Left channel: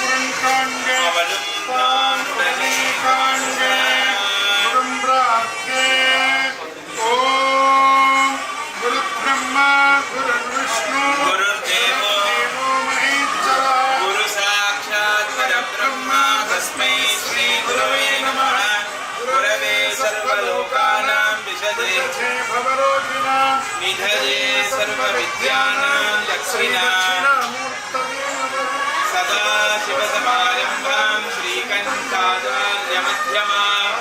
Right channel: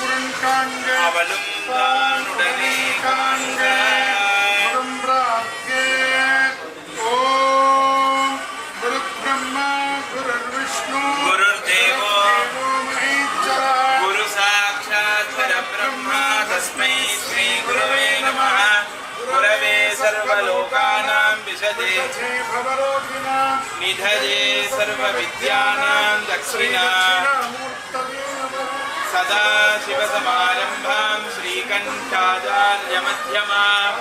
உடன் காண்க அவளும் தான் உடனே காண்க உடம்பாக்கே. ஓம் குரு பிரம்மா குரு விஷ்ணு குரு தேவோ மகேஸ்வரா குரு சாட்சாத் பரபிரம்மா தஸ்மை ஸ்ரீ குரவே நமः. குரவே சர்வலோகானாம் விஷதே பவரோகிணாம் நிதயே சர்வவித்யானாம் தக்ஷிணாமூர்த்தயே நமः. சதா சிவசமாரம்பாம் ஸ்ரீகண்டாச்சார்யமத்யமாம்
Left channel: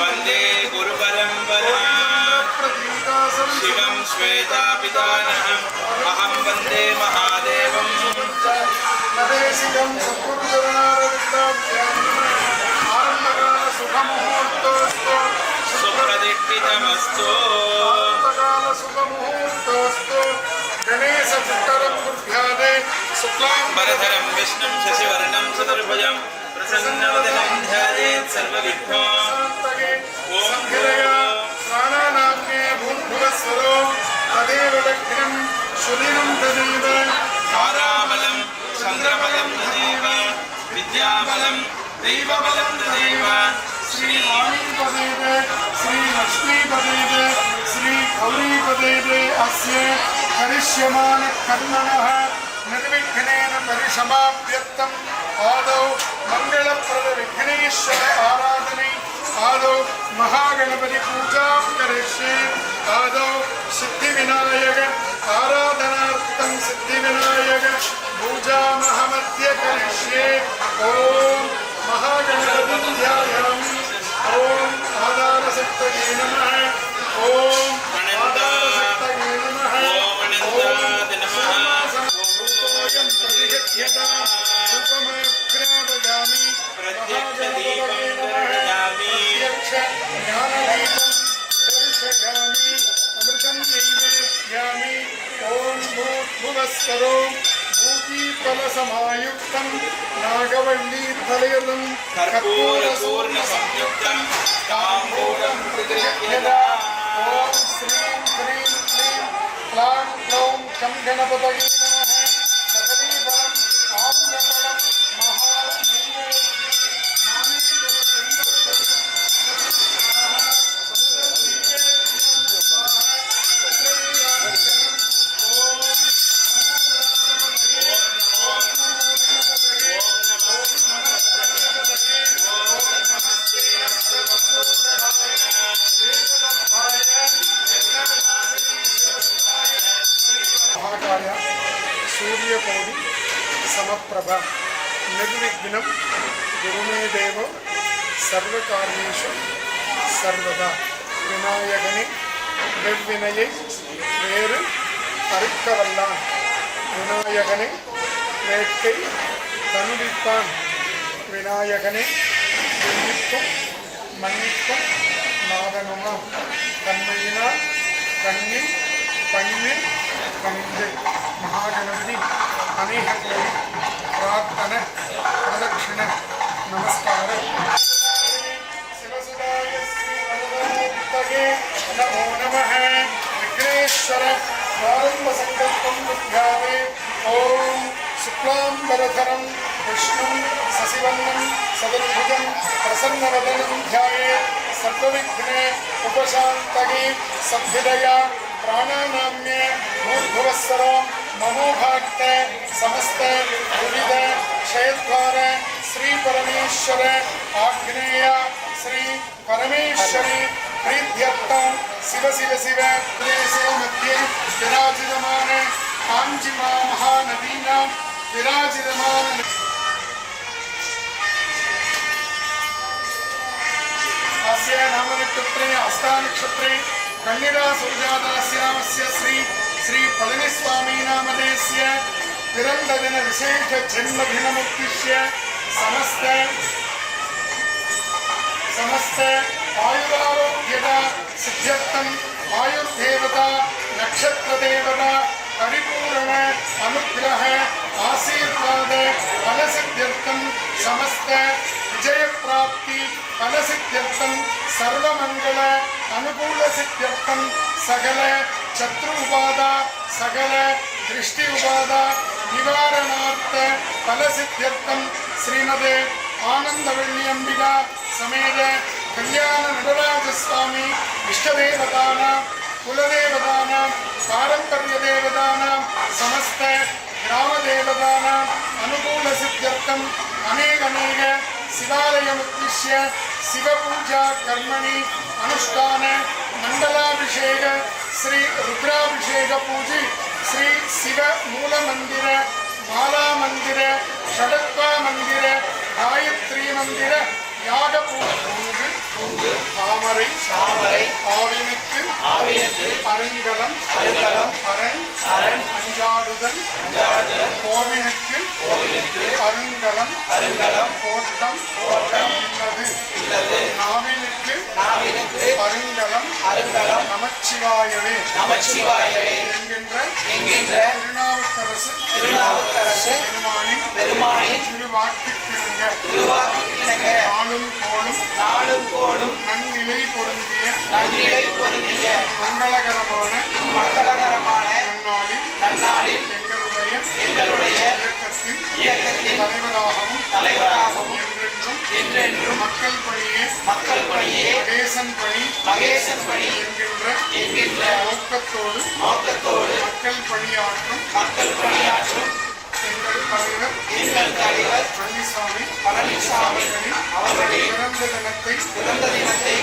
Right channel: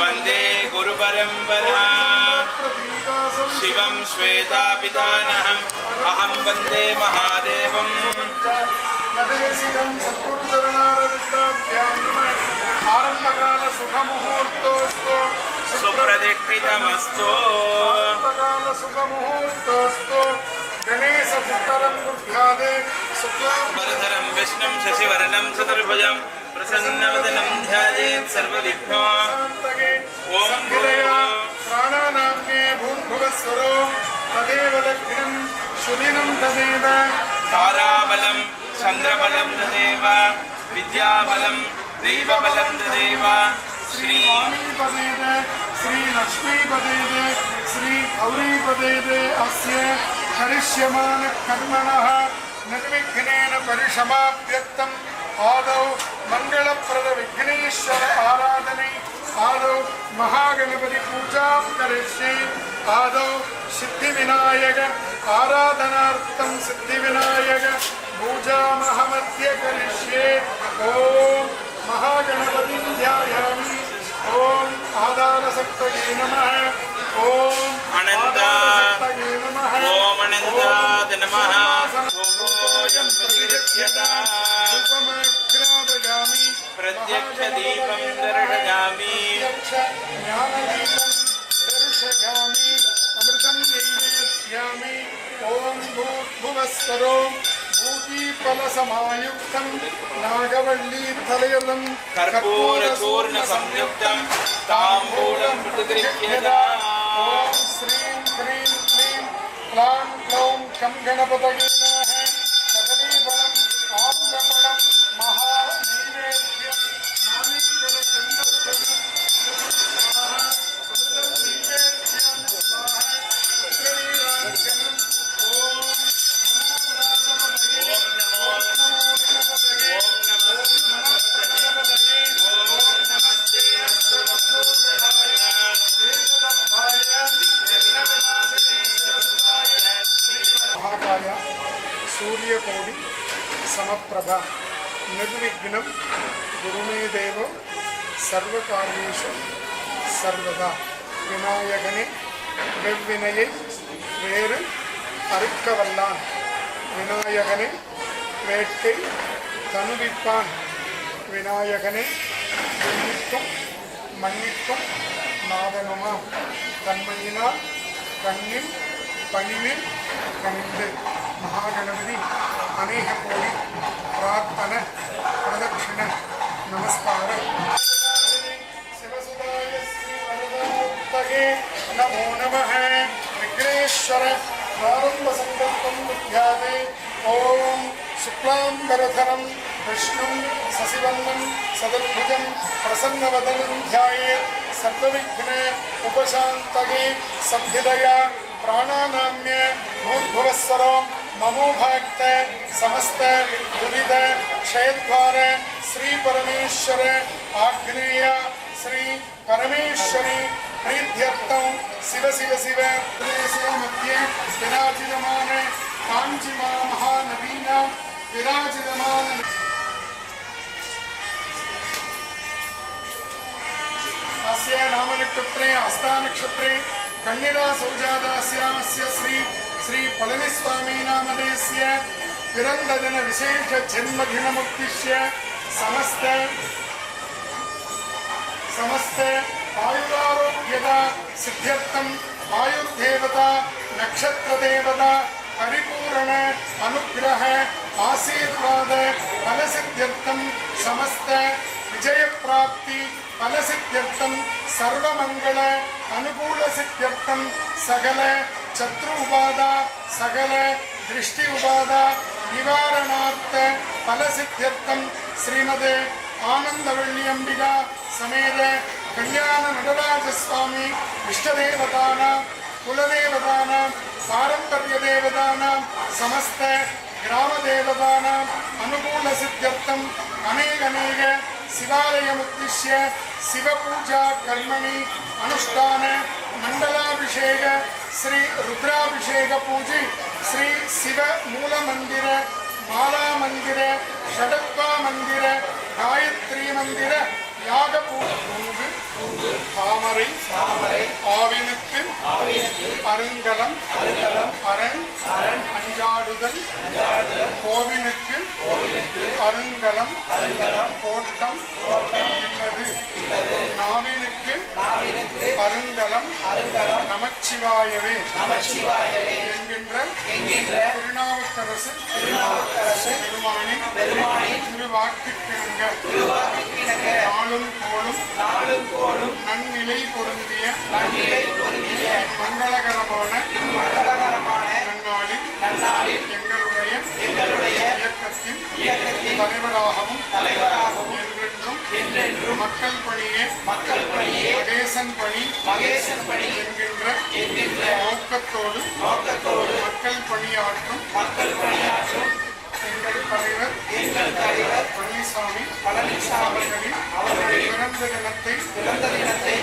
வந்தே குருபரம்பராம். சிவம் ஸ்வேதாபிதானஹம் அஹம் வந்தே மகாதேவம். ஆரம்பகால சுகமுகூர்த்தோஸ்து சுப்ரதிஷ்டிதமஸ்து. ஆரம்பகால சுகமுகூர்த்தோஸ்து गणेश पुत्रं गुरुभ्यादे शुक्लांबरधरं विष्णुं शशिवर्णं चतुर्भुजं प्रसन्नवदनं ध्यायेत् सर्वविघ्नोपशान्तये. ओम हृदया प्राणानाम्ने भूर्भुवस्वरो तदेव लक्ष्मीं शुदिनं तदेव ताराबलं चन्द्रबलं तदेव विद्याबलं दैवबलं तदेव. श्री वाणीपदेवे श्री लक्ष्मीपदेवे श्री गौरीपदेवे अस्य करिष्यमान कर्मणः निर्विघ्नेन परिसमाप्यर्थम् आदौ मंगलप्रद विघ्नेश्वर आराधने आदौ महागणपति पूजा करिष्ये. आदौ सिद्धिविनायक आराधनार्थं सिद्धिविनायक पूजामहमद्य करिष्ये. ओम महागणपति ध्यायामि. ओम आधारशक्तये नमः. ओम आधारशक्तये नमः. ओम अनन्ताय नमः. ओम प्रतिगच्छता रूपमग्रापयामि प्रत्यक्षदीपं दर्शयामि ज्ञानदीपं दर्शयामि अमृतं नैवेद्यामि. ओम भूर्भुवस्वरो भूतिफलसमायुक्तं नागवल्लीफलयुतं कर्पूरचूर्णसंयुक्तं ताम्बूलं प्रतिगृह्यता. ओम श्रीं ह्रीं क्लीं क्लां क्लौं कं गणपतये नमः. कदलीफलं आम्रफलं महानैवेद्यं नानेश्वरचन्द्रफलं महाकाय सूर्यकोटि समप्रभा निर्विघ्नं गुरुमे देव सर्वकार्येषु सर्वदा. विनायकने வெவ்வினையை வேறு அறுக்கவல்லான் விநாயகனே வேட்கை தனுவிப்பான். விநாயகனே மன்னிக்கும் மன்னிக்கும் நாதனுமாம் தன்மையினால் கண்ணில் பணிவில் கணிந்து. மகாகணபதி அநேக கோடி பிரார்த்தன பிரதட்சிண நமஸ்காரம். சிவசுதாய ஸ்ரீ வரதமூர்த்தயே நமோ நமः. விக்னேஸ்வர ஆரம்ப சங்கல்பம் வித்யாதே. ஓம் शुक्लांबरधरं विष्णुं शशिवर्णं चतुर्भुजं प्रसन्नवदनं ध्यायेत् सर्वविघ्न उपशान्तये. संहितया प्राणानाम्य भूर्भुवस्वरो ममोभाक्त समस्त दुरित क्षयद्वार श्री परमेश्वर आग्नेय श्री परमेश्वरी प्रीत्यर्थं शिव शिव शिव प्रदेशे मध्ये विराजितमान कांचिमा महानदीनां विराजितमान अस्य नामनक्षत्रे हस्तानक्षत्रे कन्यका सौजातास्यामस्य श्री श्री पळनिस्वामी नामधेयस्य विरन्दजन विशेष जन्मदिनमुद्दिश्य समस्त आयुरारोग्यता सिद्ध्यर्थं आयुर्देवता नक्षत्रदेवता परिपूर्ण अनुग्रह आशीर्वाद फलसिद्ध्यर्थं समस्त विजय प्राप्ति फलसिद्ध्यर्थं सर्वमंगल अनुकूल सिद्ध्यर्थं सकल शत्रु उपादा सकल दृष्टि उपादा நிவாரணார்த்த பலசித்தியர்த்தம் ஸ்ரீமதே ஆனந்தவள்ளி அம்பிகா சமேத கல்யாண நடராஜ சுவாமி இஷ்டதேவதானாம் குலதேவதானாம் பாரம்பரிய தேவதானாம் சமஸ்த கிராம தேவதானாம் அனுகூல சித்தியர்த்தம் அநேக சிவாலயமுத்திஷ்ய சிவபூஜா கர்மணி அனுஷ்டான மண்டலாபிஷேக ஸ்ரீ ருத்ராபிஷேக பூஜை ஸ்ரீ சிவ மூல மந்திர மாலா மந்திர ஷடத்வா மந்திர காயத்ரி மந்திர யாக பூங்கு தாமரை ஆவினுக்கு அருங்கலம் அரண் அஞ்சாடுதல் கோவினுக்கு அருங்கலம் கோட்டம் இல்லது நாவினுக்கு அருங்கலம் நமச்சிவாயவே என்கின்ற திருநாவுக்கரசு பெருமானின் திருவாக்குக்கிணங்க நாளும் கோளும் நன்னிலை பொருந்திய மங்களகரமான நன்னாளில் எங்களுடைய இயக்கத்தின் தலைவராகவும் என்றென்றும் மக்கள் பணியே மகேசன் பணி என்கின்ற நோக்கத்தோடு மக்கள் பணியாற்றும் எங்கள் தலைவர் பழனிசாமி அவர்களின் பிறந்த தினத்தை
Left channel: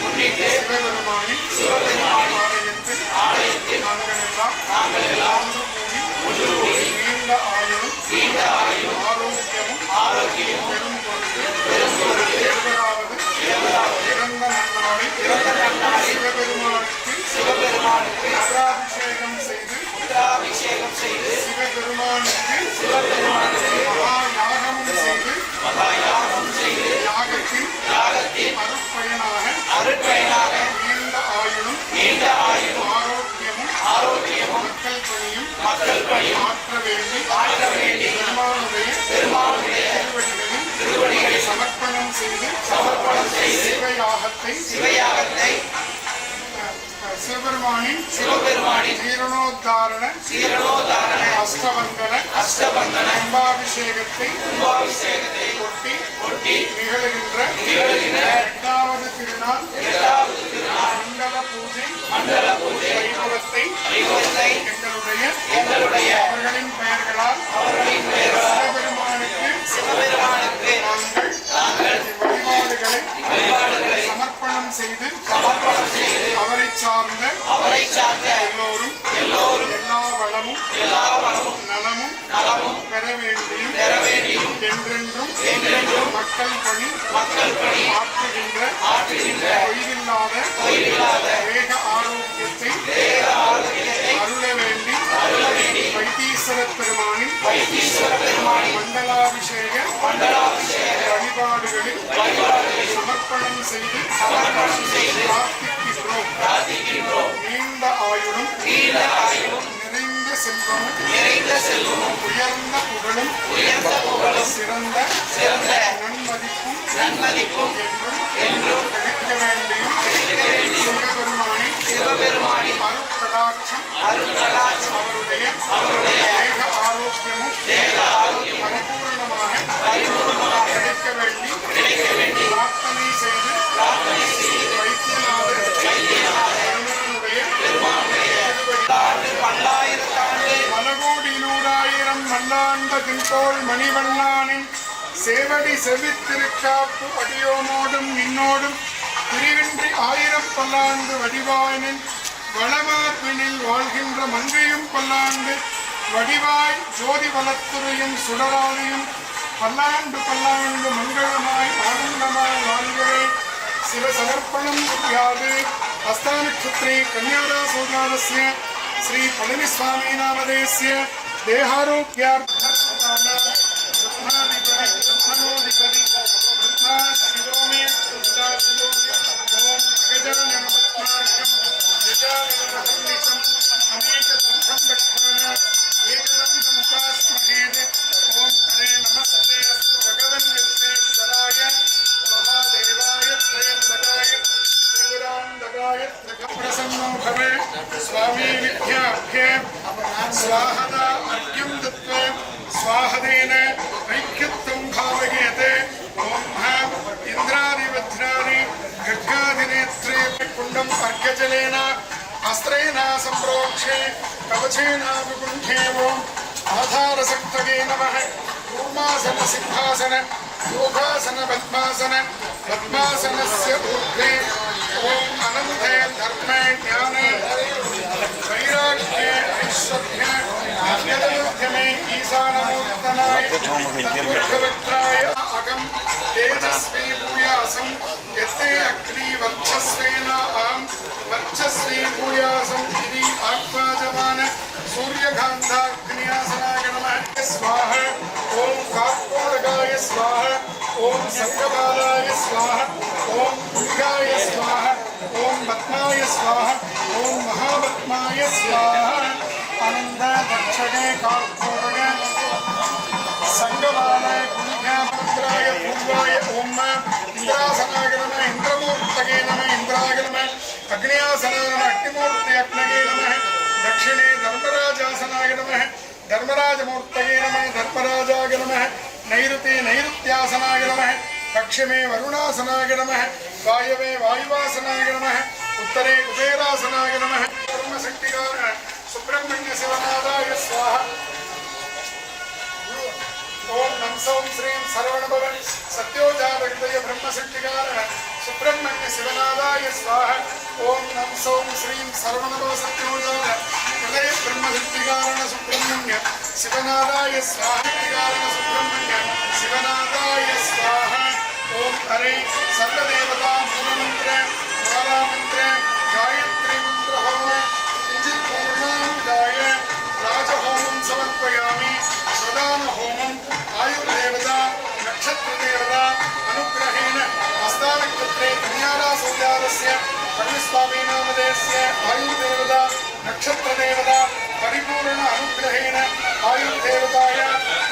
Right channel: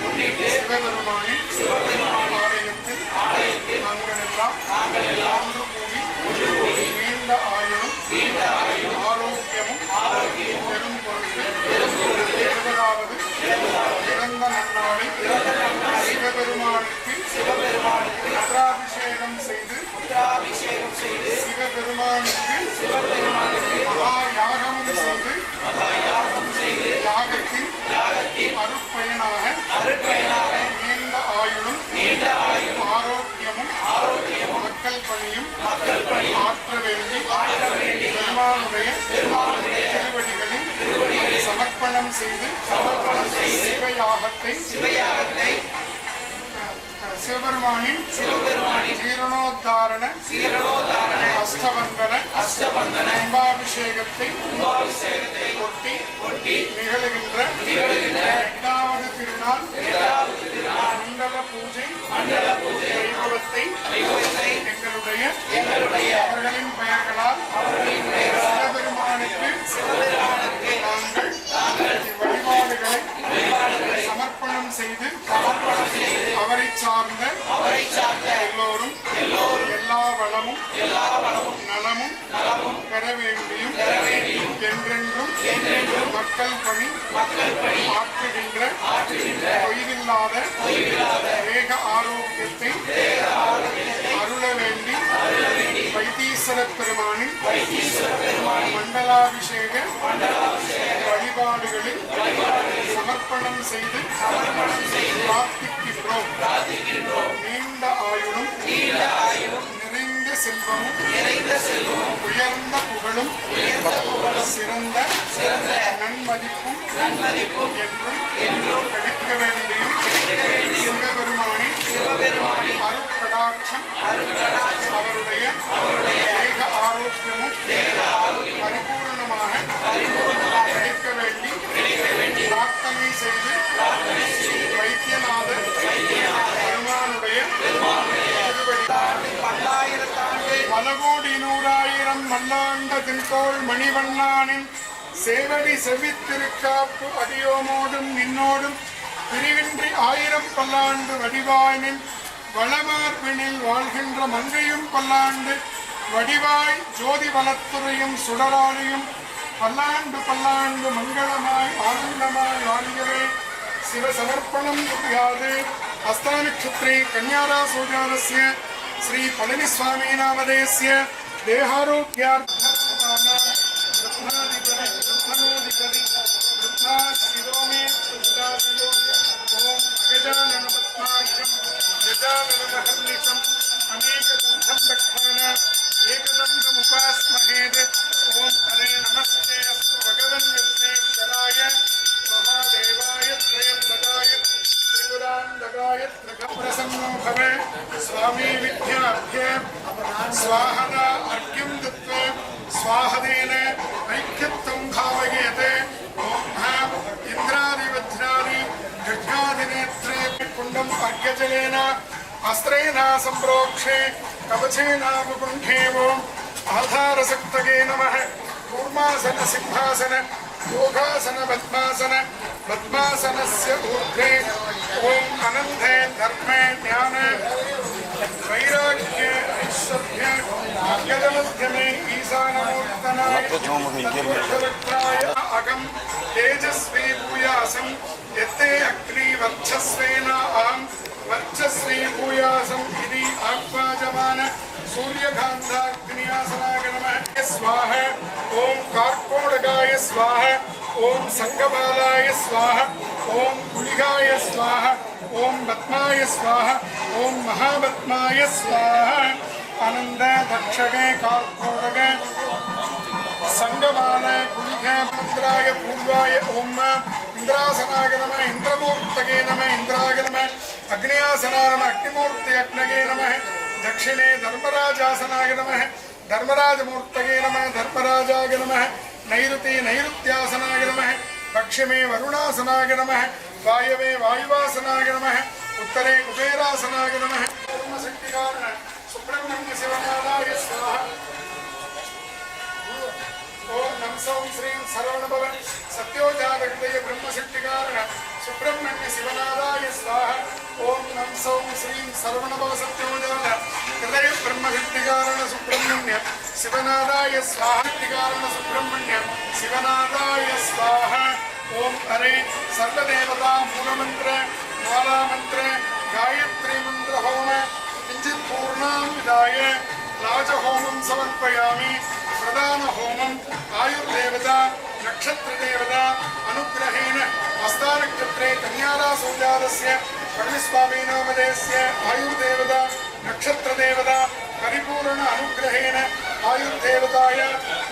முன்னிட்டு சிவபெருமானின் ஆலயத்தில் நாங்கள் எல்லாம் ஒன்று கூடி நீண்ட ஆயுளும் ஆரோக்கியமும் பெரும் பொருட்டு 70வது பிறந்த நன்னாளை சிவபெருமானுக்கு ருத்ராபிஷேகம் செய்து சிவபெருமானுக்கு மகா யாகமும் செய்து யாகத்தின் அருட்பயனாக நீண்ட ஆயுளும் ஆரோக்கியமும் மக்கள் பணியும் ஆற்ற வேண்டி பெருமானுடைய திருவடிகளில் சமர்ப்பணம் செய்து சிவயாகத்தை சிவபெருமானின் ஜீரணோத்தாரண அஷ்டபந்தன கும்பாபிஷேகத்தை கொட்டி நிகழுகின்ற 8வது திருநாள் மண்டல பூஜை வைபவத்தை எங்களுடைய அவர்களின் பெயர்களால் சிவபெருமானுக்கு நாங்கள் வழிபாடுகளை சமர்ப்பணம் செய்து அவரை சார்ந்த எல்லோரும் எல்லா வளமும் நலமும் பெற வேண்டியும் என்றென்றும் மக்கள் பணி ஆற்றுகின்ற தொய்வில்லாத வேக ஆரோக்கியத்தை அருள வேண்டி வைத்தீஸ்வர பெருமானின் மண்டலாபிஷேக வழிபாடுகளில் சமர்ப்பணம் செய்து பிரார்த்திக்கின்றோம். நீண்ட ஆயுளும் நிறைந்த செல்வமும் உயர்ந்த புகழும் சிறந்த நன்மதிப்பும் என்றும் கிடைக்க வேண்டியும் சிவபெருமானின் அருட்கடாட்சம் அவருடைய தேக ஆரோக்கியமும் பரிபூர்ணமாக கிடைக்க வேண்டி பிரார்த்தனை செய்து வைத்தியநாதர் பலகோடி 100,000 மல்லாண்ட தின்தோள் மணிவண்ணானின் சேவடி செவித்திருக்காப்பு அடியோமோடும் நின்னோடும் பிரிவின்றி 1000 பல்லாண்டு வடிவாயினின் வளமார்பினில் வாழ்கின்ற மங்கையும் பல்லாண்டு வடிவாய் ஜோதி வளத்துறையும் சுடராளியும் பல்லாண்டு மங்களமாய் ஆனந்தமாய் வாழ்கிறே. சிவ சமர்ப்பணம் யாது அஸ்தானக்ஷத்ரே கன்யாதா சோஜாதஸ்ய ஸ்ரீ பழனிஸ்வாமி நாமதேஸ்ய தேகாரோக்யார்த்தம் ஏகதந்தமுபாஸ்மஹேத். ஓம் ஹரே நமஸ்தே அஸ்து பகவன் விஸ்வேஸ்வராய மகாதேவாய த்ரயம்பகாய त्रिपुरान्तकाय प्रसन्नो भवे स्वामी विद्याभ्ये स्वाहदा अर्घ्यं दत्त्वा स्वाहदेन ऐक्यत्वं भावयेते ॐ इन्द्रादिवज्रादि गड्गादिनेत्रे कुण्डम् अर्घ्यजलेन अस्त्रेण सम्प्रोक्षे कवचेन विकुण्ठेवो आधारशक्तये नमः कूर्मासन सिंहासन योगासन पद्मासन पद्मासनस्य ऊर्ध्वे ओम अनन्ते धर्मे ज्ञाने वैराग्ये ऐश्वर्ये आज्ञानमध्यमे ईशानमूर्तनाय भगवत्राय अगम तेजस्वी भूयासं यत्ते अग्नि वर्चस्वेन अहं वर्चस्वी भूयासं इति आत्माजमान सूर्यकान्ताग्न्यासनाय नमः स्वाहा ओम कार्कोडकाय स्वाहा ओम संगपालाय स्वाहा ओम दुर्गाय स्वाहा ओम पद्माय स्वाहा ओम महापद्माय स्वाहा आनंद दक्षिणे कार्कोडके संगपालाय कुल्यामन्त्राय पूर्वाय ओम इंद्रासनाय नमः इंद्रमूर्तये नमः इंद्राय नमः अग्न्यासनाय नमः अग्निमूर्ते अग्नये नमः दक्षिणे धर्मराजासनाय नमः धर्मराजमूर्तये नमः धर्मराजाय नमः नैऋते नैऋत्यासनाय नमः पश्चिमे वरुणासनाय नमः वायवे वायुवासनाय नमः उत्तरे कुबेरासनाय नमः ब्रह्मशक्तिकार सुब्रह्मण्य शिवनादाय स्वाहा ओम नम सौं श्रीं सर्वणभव सत्योजागृतय ब्रह्मशक्तिकार सुब्रह्मण्य शिवनादाय स्वाहा ओम नम सौं श्रीं सर्वणभव सत्योजागृतय ब्रह्मशक्तिकारण सुब्रह्मण्य शिवनादाय स्वाहा सुब्रह्मण्य शिवनादाय स्वाहा ओम हरे सर्वदेवता मूलमंत्र ज्वालामंत्र गायत्री मंत्र होम किंचित पूर्णांगाय राजहोमं समर्पयामि प्रधान होमं आयुर्देवता नक्षत्रदेवता अनुग्रहेण हस्तानक्षत्रे कन्यारासोजातस्य कविस्वामीनामधेयस्य आयुर्देवता नक्षत्रदेवता परिपूर्ण अनुग्रहेण आयुर्देवताय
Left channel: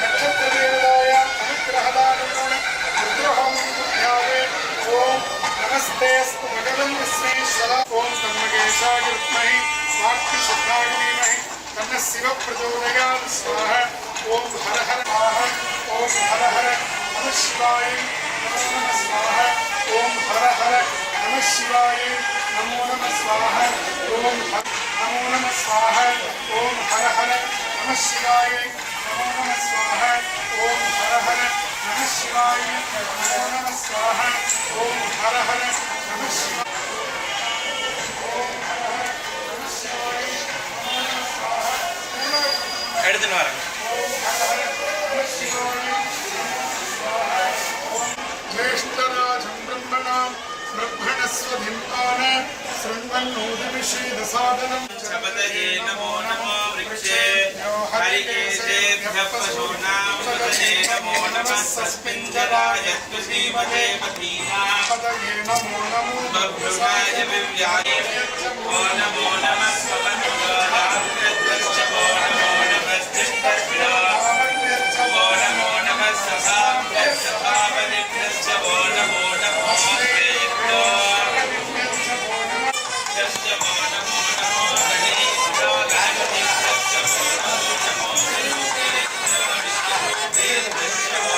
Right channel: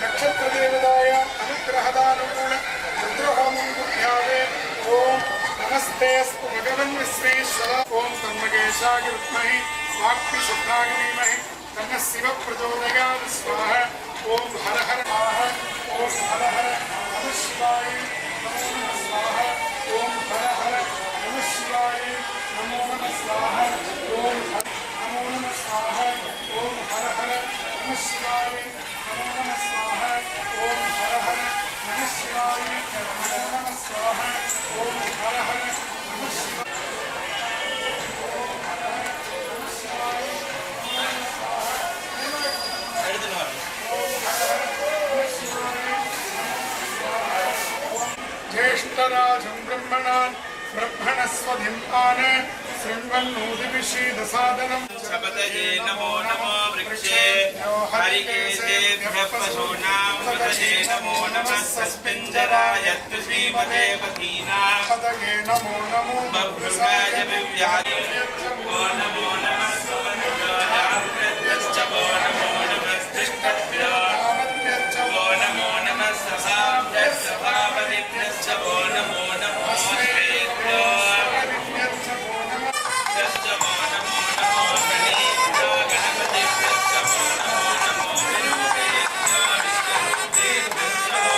नक्षत्रदेवताय अनुग्रहदानुगुण रुद्रहोमं कुर्यावे ओम नमस्तेऽस्तु भगवन् विश्वेश्वर ओम तन्महेशाय विद्महे वाक्पीशुद्धाय धीमहि तन्नः शिवः प्रचोदयात् स्वाहा ओम हर हर स्वाहा ओम हर हर नमः शिवाय नमो नमः स्वाहा ओम हर हर नमः शिवाय नमो नमः स्वाहा ओम नमो नमः स्वाहा ओम हर हर नमः शिवाय नमो नमः स्वाहा ओम हर हर नमः शिवाय नमो नमः स्वाहा ओम हर हर नमः शिवाय ज्येष्ठराजं ब्रह्मणां ब्रह्मणस्वधिन्तान शृण्वन्नोदिविषीदसादनं शपथये नमो नमो वृक्षेभ्यो हरिकेशेभ्यः पशूनां पतये नमो नमः सस्मिञ्जराय श्रीमते पतीनां पतये नमो नमो बभ्रुवाय विव्याय नमो नमः स्वमनुराधाकृत्यश्च वो नमो नमः तिष्ठभ्यो वो नमो नमः ससाभ्यश्च भावनिभ्यश्च वो नमो नमः श्रीभ्यो यश्च वो नमो नमो गणेभ्यो गणपतिभ्यश्च वो नमो नमो विरूपेभ्यो विष्णुरूपेभ्यश्च वो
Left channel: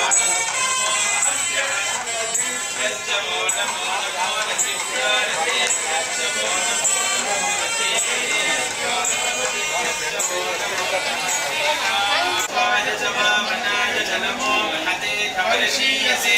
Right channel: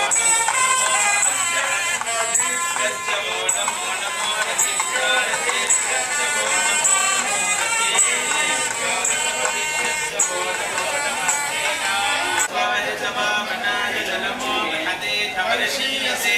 यश्च वो नमो नमो रतिभ्यो रतेभ्यश्च वो नमो नमो रतेभ्यो गणपतिभ्यश्च वो नमो नमः सेनाय च वामनाय च नमो महते धवर्षीयसे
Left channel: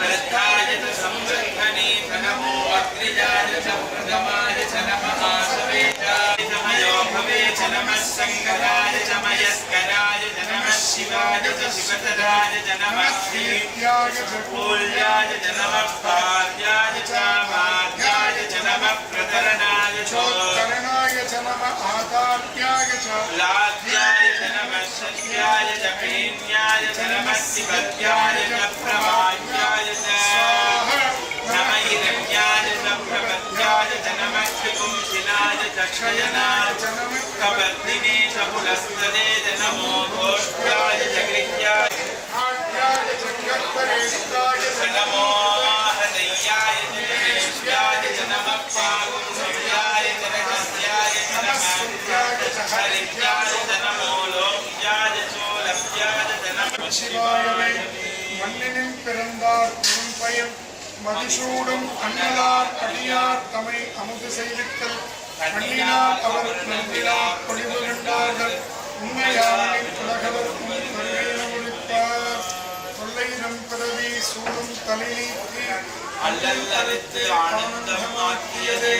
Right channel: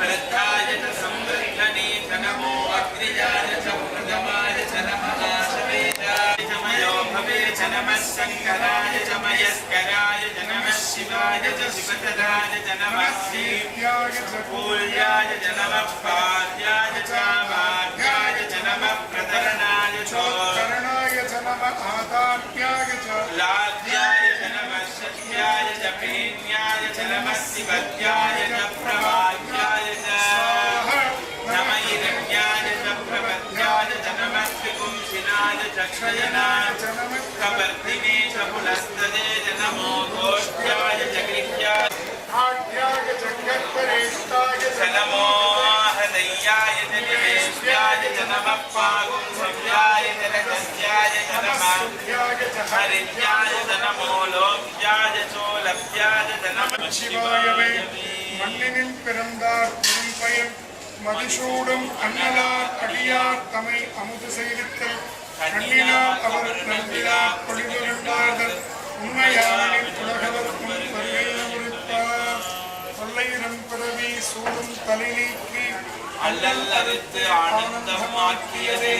वृद्धाय च संवर्धने च नमो अग्निजाय च प्रगमाय च नमः सवेताय च मयो भवे च नमः शङ्कराय च मयस्कराय च नमः शिवाय च शिवतराय च नमः श्रीपूल्याय च नमः पाद्याय च माध्याय च नमः प्रतरणाय च करणाय च नमः आदात्याय च लाद्याय च नमः शक्याय च पेन्याय च नमः शिवत्याय च प्रवाह्याय च नमः हिरण्याय च प्रपद्याय च नमः त्रिपुंसिनाय च क्षयनाय च नमः कपर्दिने च पुलस्तदे च नमो घोष्ठ्याय च गृह्याय आद्याय च गर्भरेष्ठाय च च नमो हृदयाय च निवेश्याय च नमः சிவாயவே. மண்ணினில் பிறந்தார் பெரும்பயன் மதிசூடும் அண்ணலார் அடியார் தமை அமுது செய்வித்தல் கண்ணினார் அவர் நன்றிலா பொழிவு கண்டார்கள் உண்மையானில் உலகவர்க்கும் வருகையை ஒழிப்பார். தொல்லையிடம் பிறவி சூடும் தலை நீக்கி அல்லல் அறுத்து ஆனந்தமாக்கியது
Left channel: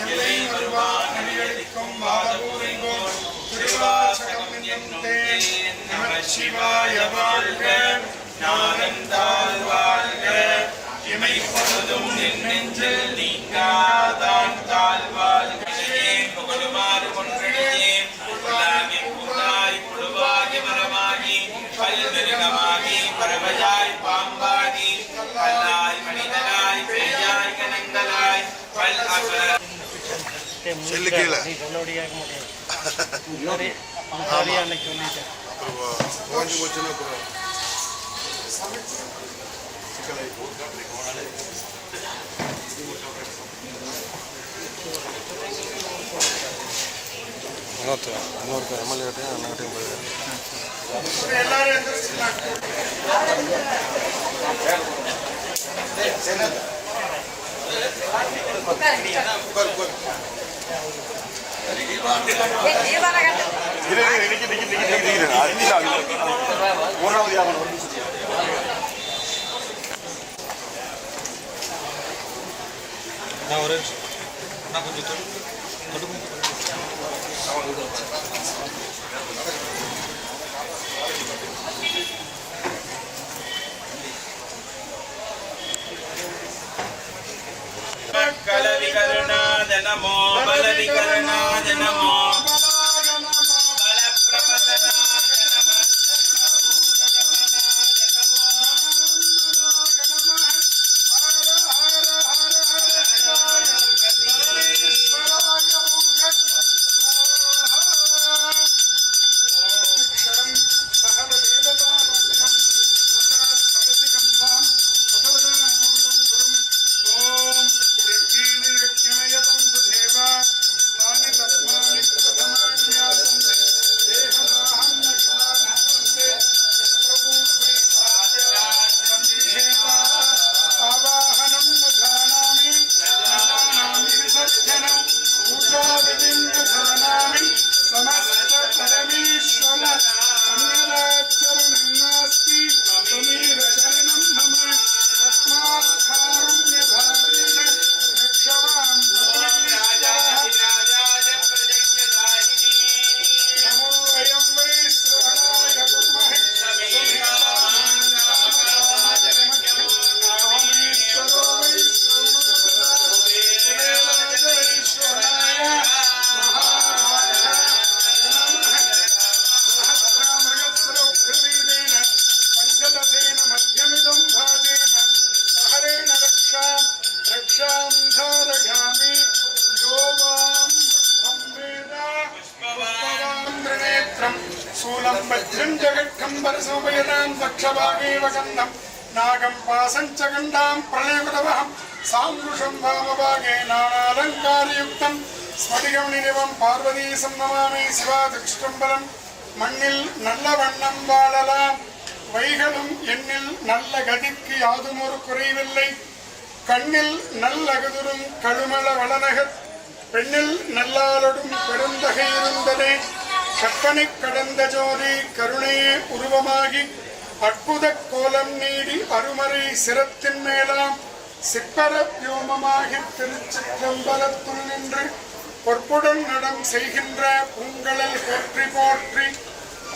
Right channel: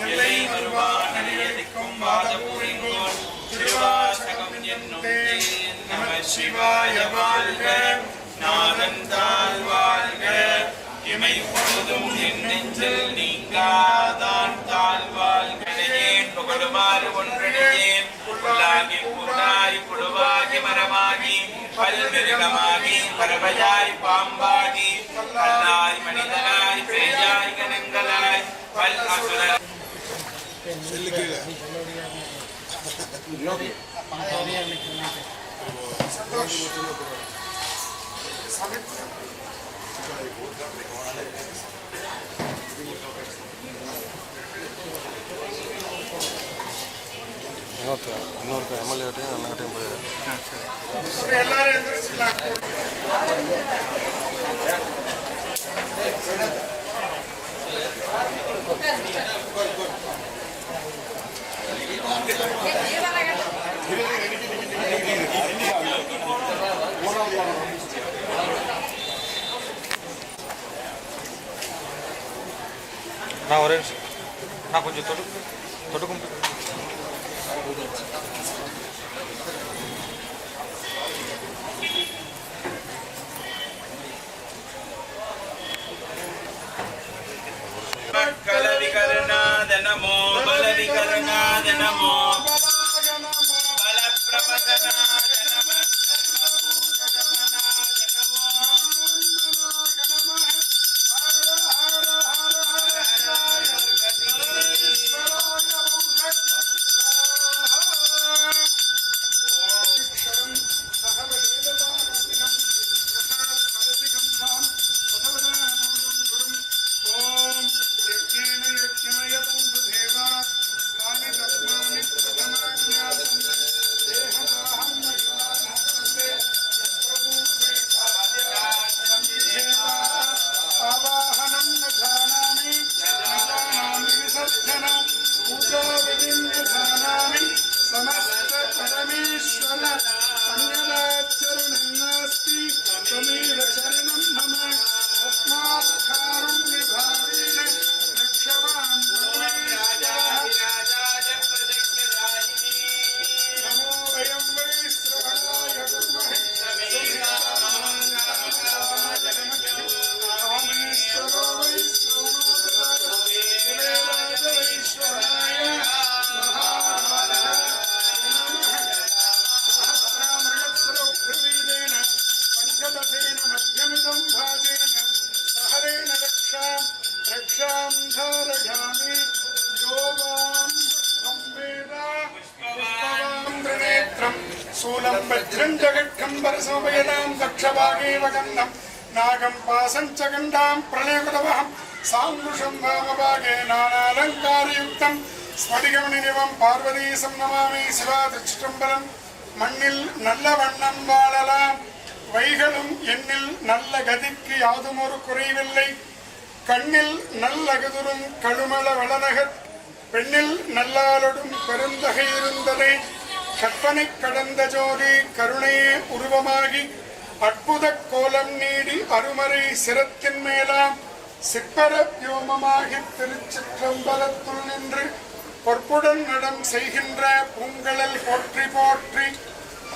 எல்லை வருவான் அடியளிக்கும் வாதபூரிங்கோர் திருவாசகம் என்னும் தேன் நம சிவாய வாழ்க நாதந்தாள் வாழ்க இமை பொழுதும் என் நெஞ்சில் நீங்காதான் தாழ்வாழ்க புகழுமாறு ஒன்றடியேன் புல்லாகி பூராய் புழுவாகி மரமாகி பல்கிருகமாகி பறவையாய் பாம்பாகி பல்லாய் மனிதனாய் பேயாய் கணங்களாய் பல் அசுர இன்னொருக்க எம்எல்ஏட்டையும் அண்ணாட்டையும் போய் நான் ஒரே நான் கொஞ்சம் தொடுக்கும் கலவிகருணாத நமோ பலவிகருணாத நமோ பலப்பிரபதனாத நம नागं पासञ्चगण्डां प्रलयकुटवहं साङ्गुषं वामभागे नानालङ्कारयुक्तं स्फटिकमणिनिवं पार्वतीसं नमामि शिवादक्षिटम्बरं மண்ணில் நல்ல வண்ணம் வாழலாம் வைகளும் எண்ணில் நல்ல கதிக்கு யாதும் ஒரு குறைவில்லை கண்ணில் நல்லகதுரும் கழுமள வளநகர் பெண்ணில் நல்லாளொடும் பெருந்தகை இருந்ததே கற்பனை கடந்த ஜோதி கருணையே உருவமாகி அற்புத கோலம் நீடி அருமறை சிரத்தின் மேலாம் சிற்பர வியோமமாகி திருச்சிற்றம்பலத்துள் நின்று பொற்புடன் நடம் செய்கின்ற பூங்கழல் போற்றி போற்றி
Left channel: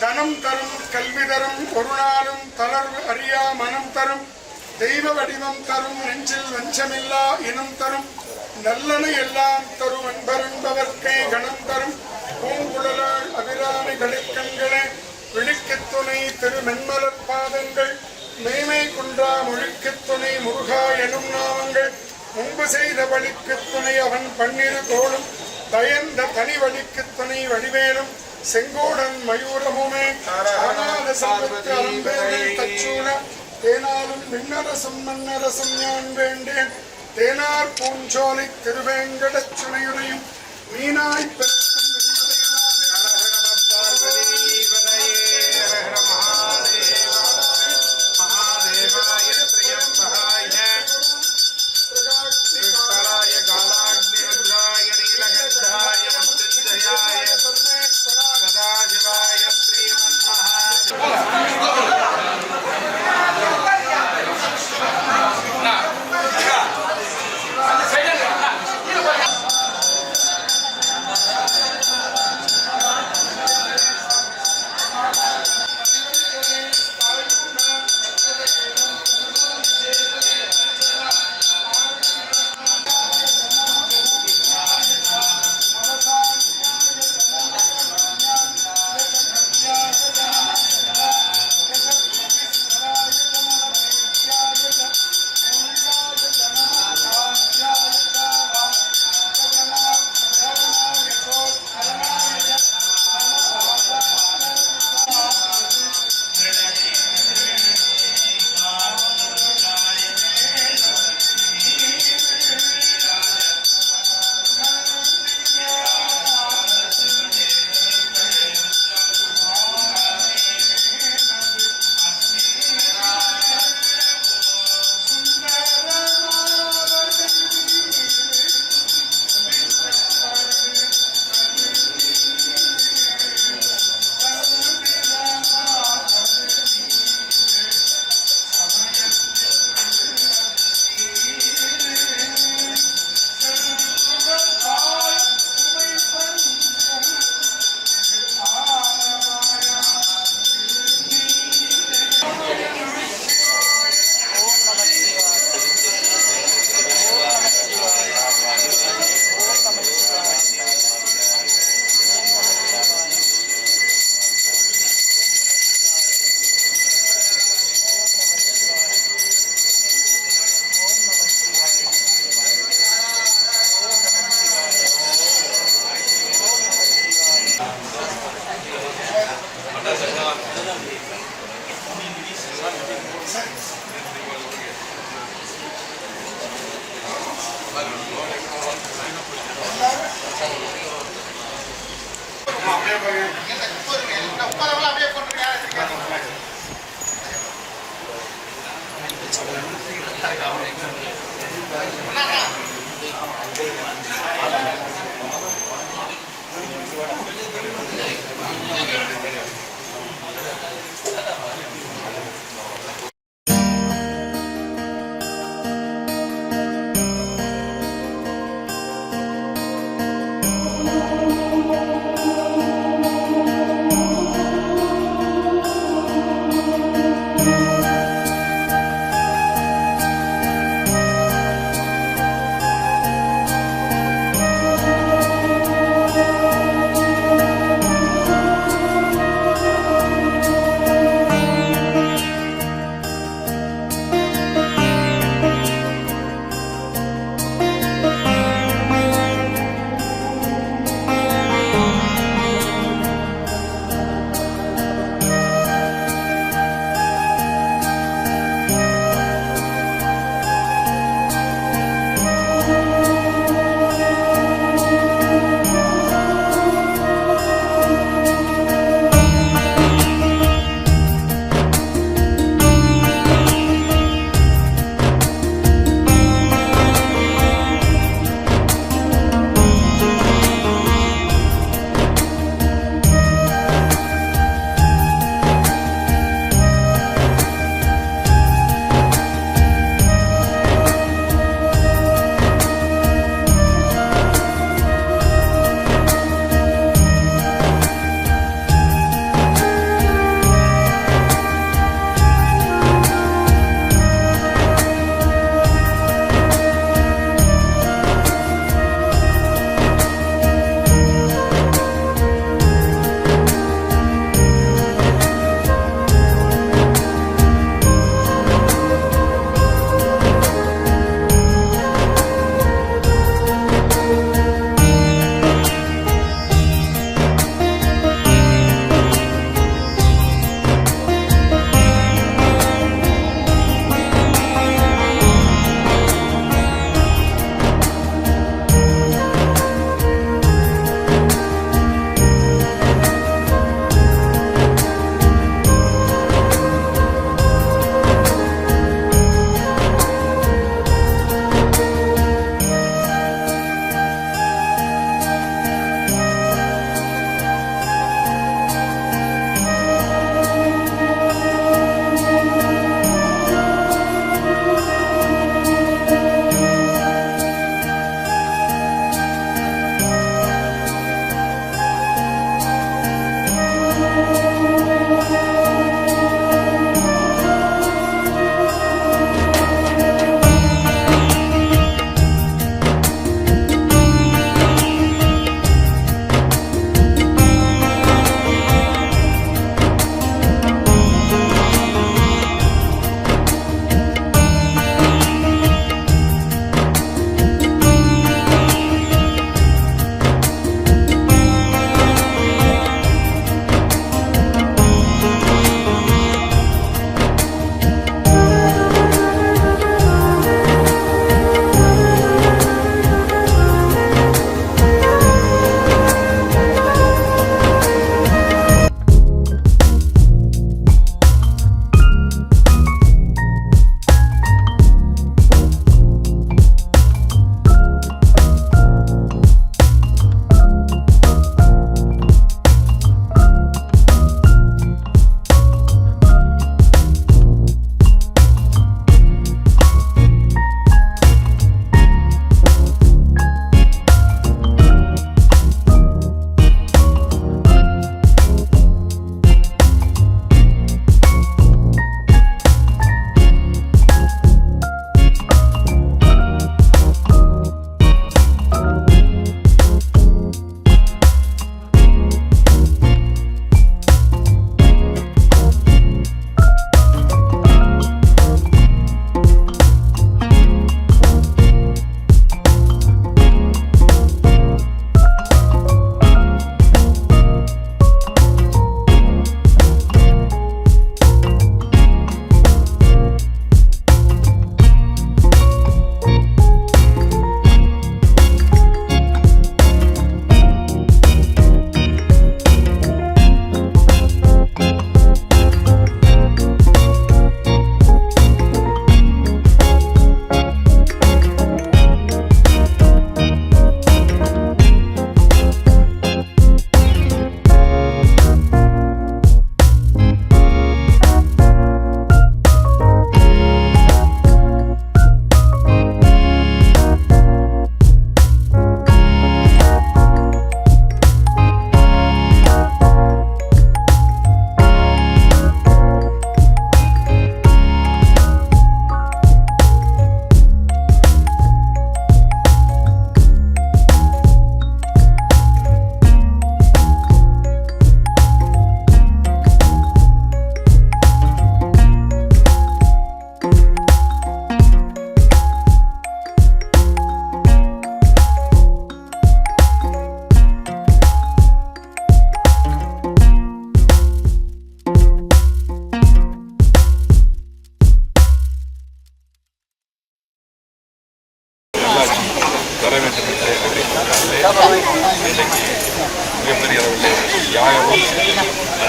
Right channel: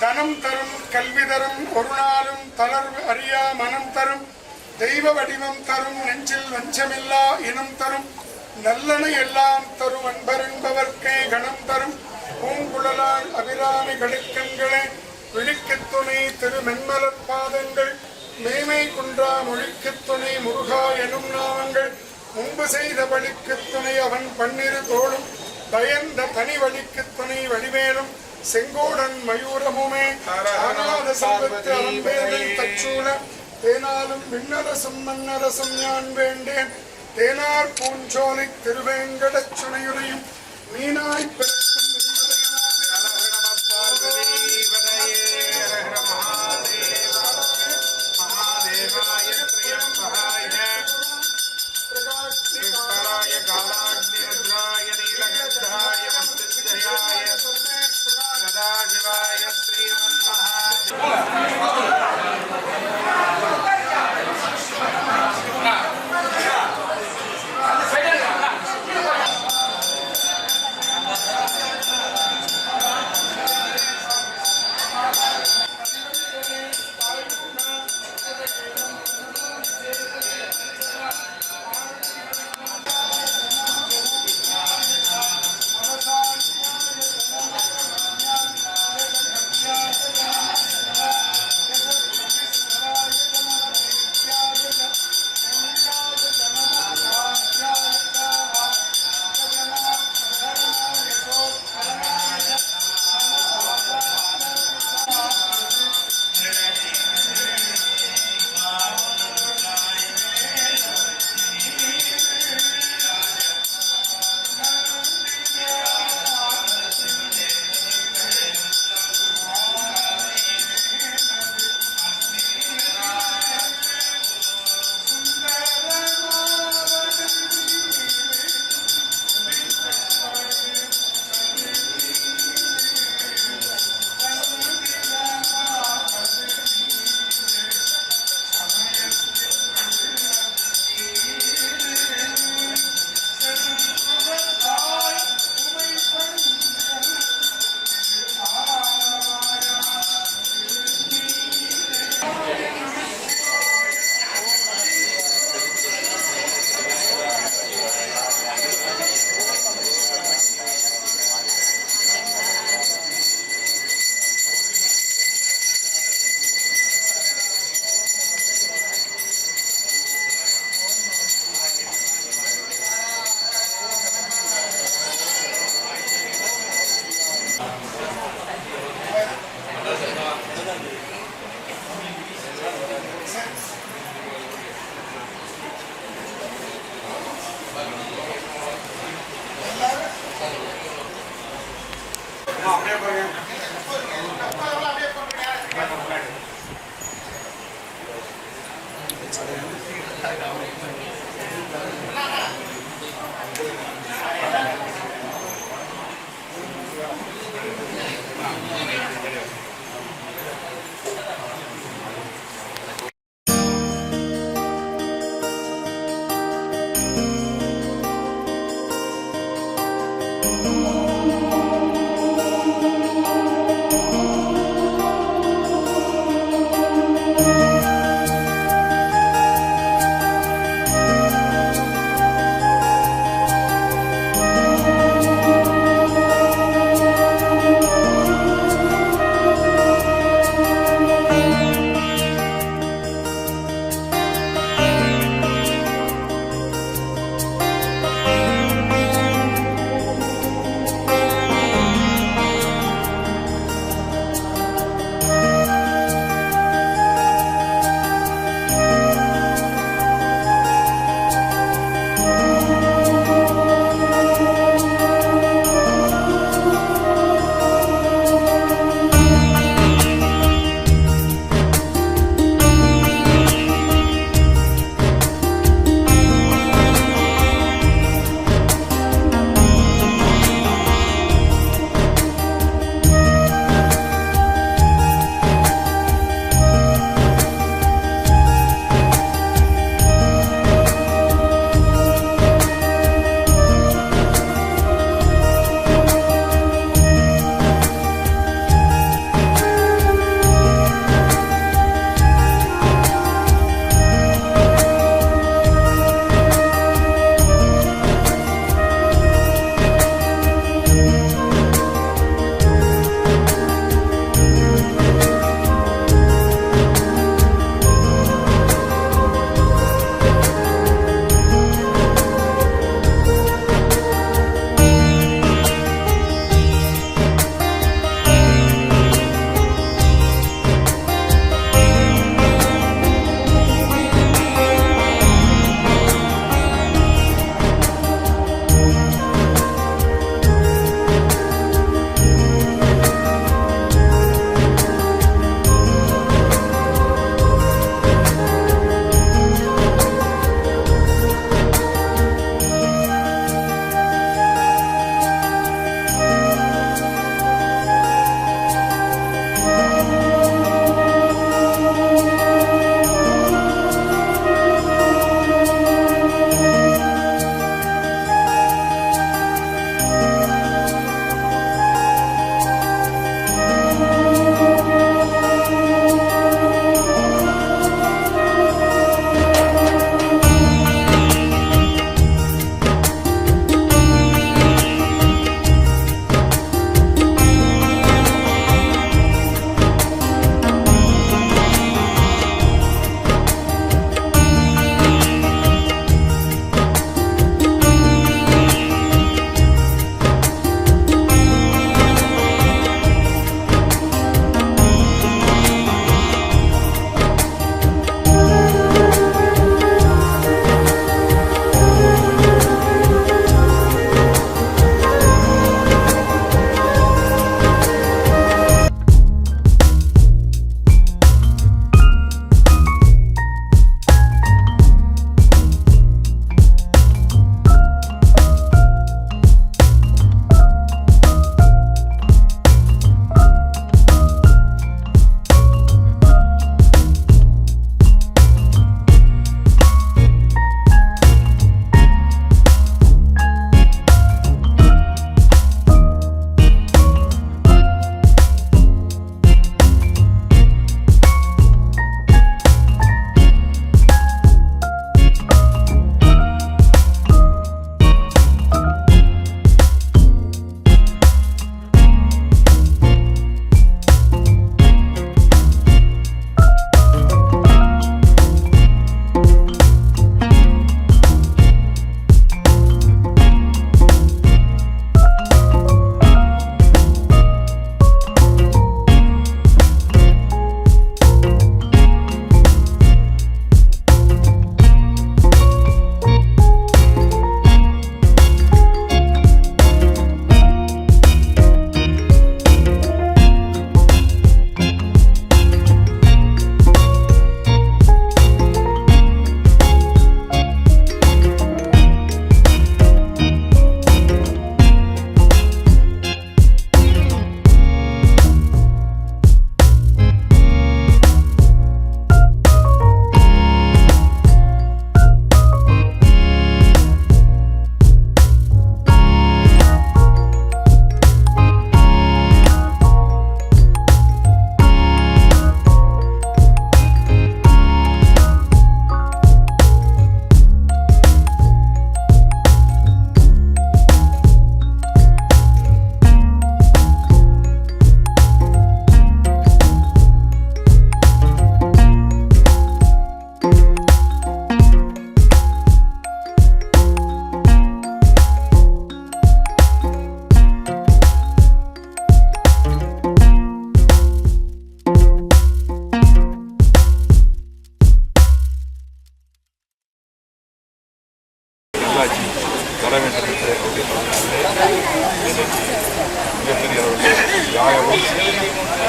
தனம் தரும் கல்வி தரும் ஒரு நாளும் தளர்வு அறியா மனம் தரும் தெய்வ வடிவம் தரும் நெஞ்சில் வஞ்சமில்லா இனம் தரும் நல்லன எல்லாம் தரும் அன்பரென்பவர்க்கே கணம் தரும் பூங்குழலாள் அபிராமி கடுக்கண்களே விழிக்குத் துணை திருமென்மலர் பாதங்கள் மேமை குன்றா மொழிக்குத் துணை முருகா எனும் நாமங்கள் முன்பு செய்த வழிக்குத் துணை அவன் பன்னிரு தோளும் பயந்த தனி வழிக்குத் துணை வடிவேலும் செங்கோடன் மயூரமுமே ஆனாத செல்வத்து அலம்பேர்கள் தச்சூல தேனாலும் விண்ணரசும் மன்னரசும் ஞான் வேண்டேன் தேனார் பூஞ்சோலை திருவேங்கடச் சுனையுடையும் மீனாய் பிறக்கும் பார்வதி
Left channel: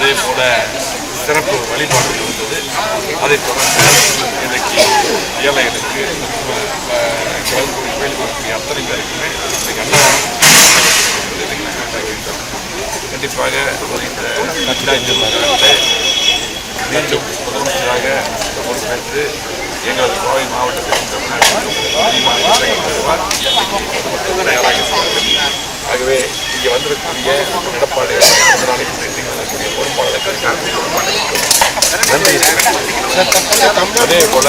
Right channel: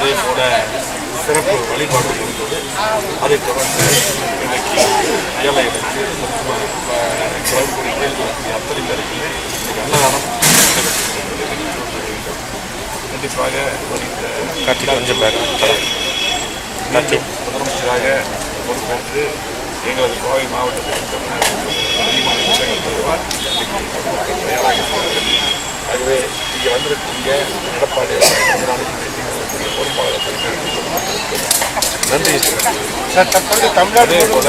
அதே போல் சிறப்பு வழிபாடுகள் இருந்தது. அதைத் தொடர்ந்து இன்றைக்கு ஏழைகளுக்கு கோயிலுக்கு அத்தனை பேருக்குமே இன்றைக்கு அன்னதானம் கண்டிப்பாக மீண்டும் முதலமைச்சராக பொறுப்பேற்று எங்களது கோவை மாவட்டத்தில் அதிகமான திட்டங்கள் தருவார். தயாராக இருக்கிறார்கள். ஆகவே இங்கே வந்திருக்கக்கூடிய எடப்பாடி நாளைக்கு பொறுப்பாளர்களுக்கு நன்றி. அதே போல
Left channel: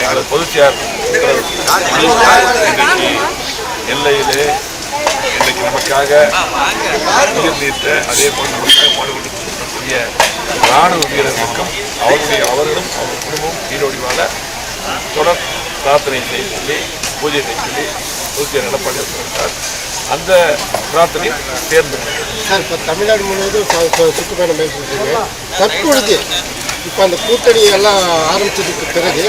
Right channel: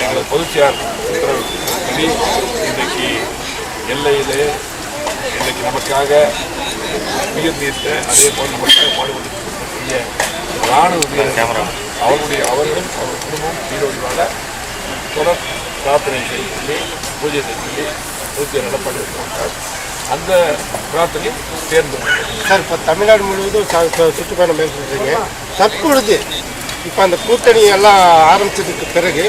எங்களது பொதுச்செயலாளர் இன்றைக்கு எல்லையிலே இன்றைக்கு நமக்காக உயிர் நீத்த அதே போல் நமக்காக பாடுபட்டு இராணுவ வீரர்களுக்கும் அவர்களும் அவர் குடும்பமும் நீரோடி வாழ தொடர் பிரார்த்தனை செய்ய சொல்லி பூஜை செய்ய சொல்லி பொதுச்செயலாளர் எடப்பாடி சொல்லிட்டார். அந்த பிரார்த்தனையும் தேர்ந்து சார் இப்போ தமிழ்நாடு முழுவதும் சுற்றுப்பயணம் மேற்கொள்றீங்க. தற்பொழுது இப்போ அந்த கூட்டணி எல்லாம் ஆரம்பிச்சதுக்கு பிறகு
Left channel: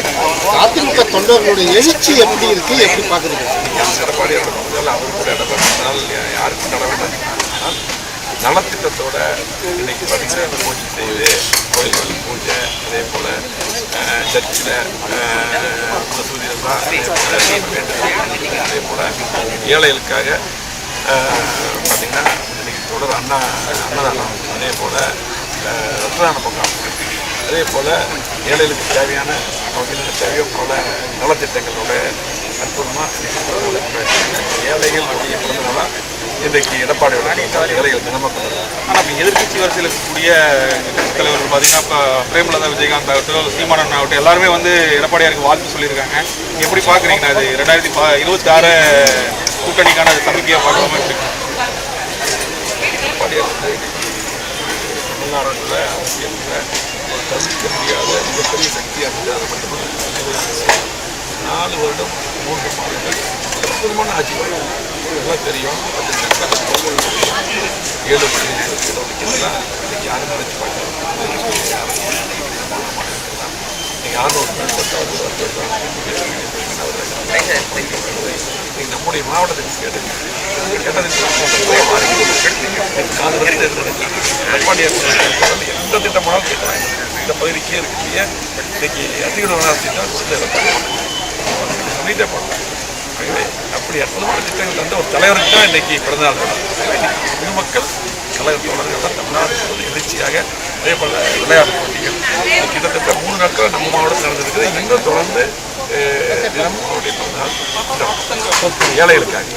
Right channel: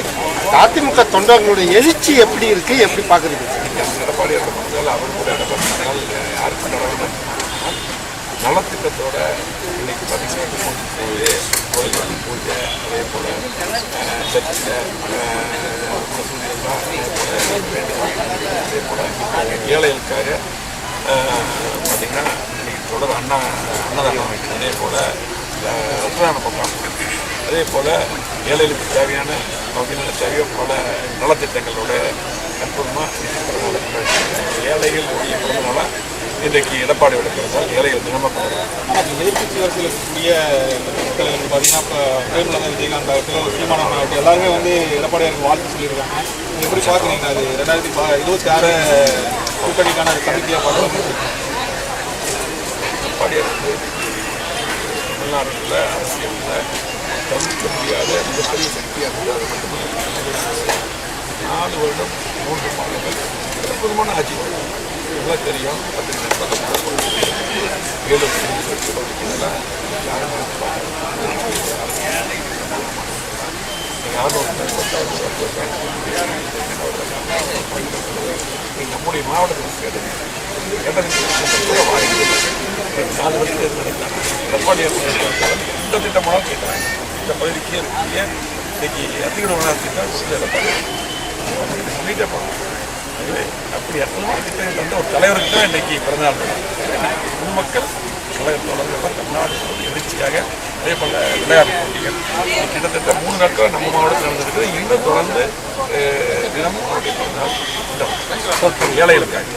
அதிமுக தொண்டர்களுடைய எழுச்சி எப்படி இருக்கு, எப்படி பார்க்குறீங்க? எடப்பாடியோட மனதால் அவர் கூட எடப்பாடினால் யாருக்கும் நட வேண்டாம். நலத்திட்டத்தோட இன்னைக்கு பார்த்தீங்கன்னா பூஜை செய்து கோயில் பூஜை அதே போல் சர்ச்சில் மசூதியெல்லாம் அதே போல் வேண்டுதல் அதே போல் ஏழைகளுக்காக பார்த்திங்கன்னா இன்னைக்கு தொடர் அன்னதானம் அதே போல் ரத்ததான முகாம் அதே போல் ஏழைகளுக்கு தேவையான நமக்கு தேவையோ பல நலத்திட்டங்களோட அற்புதமாக ஏழைகளுடைய பிறந்தநாளாக இன்றைக்கு எடப்பாடியோட ஏழைகள் தினமாக ஆனால் இப்போ எதிர்கட்சி வரிசையில் இருக்கக்கூடிய தலைவர்கள் பார்த்தீங்கன்னா இப்போ பிரேமலதா விஜயகாந்த் ஆகட்டும் சீமானன் ஆகட்டும் எல்லாருமே வந்து எடப்பாடியாருக்கு வாழ்த்து சொல்லியிருக்காங்க. எப்படி பார்க்குறீங்கன்னா அது 2026 கூட்டணிக்கான சமிக்கையாக பார்க்காம இருக்கு? எடப்பாடியார் வந்து தமிழ்நாட்டில் அரசியலில் தவிர்க்க முடியாத மிகப்பெரிய சக்தியாக இருந்தது. அது மட்டுமல்ல 4 வருடம் 3 மாதங்கள் அற்புதமான ஆட்சி எல்லாம் தெரியும். 7 இடஒதுக்கீடுலாம் இன்னைக்கு யாரும் நினைச்சு பார்க்கணும். நீங்கள் 600 நம்முடைய மாவட்டத்திற்கு எடப்பாடியார் எந்த திட்டமானாலும் கேட்கலாம். இந்த பகுதிக்கே இருக்கக்கூடிய இன்னைக்கு அதிக திட்டம் கொடுத்து எடப்பாடியார் சொல்லிட்டே போகணும். ஆகவே அப்படி அற்புதமான திட்டங்கள் தந்த ஒரு தலைவருக்கு தான் இன்றைக்கி பிறந்தநாள் பொதுமக்கள் கழக தோழர்கள்லாம் தமிழ்நாடு முழுவதும் எழுச்சியாக அதே போல் விளையாட்டு போட்டிகள் கிட்டத்தட்ட 3 நாட்கள் நம்ம மாவட்டத்தில் நடந்திருக்குது. இன்னும் தொடர்ந்து தினமும் அவருடைய பிறந்தநாள் ஏழைகளுக்காக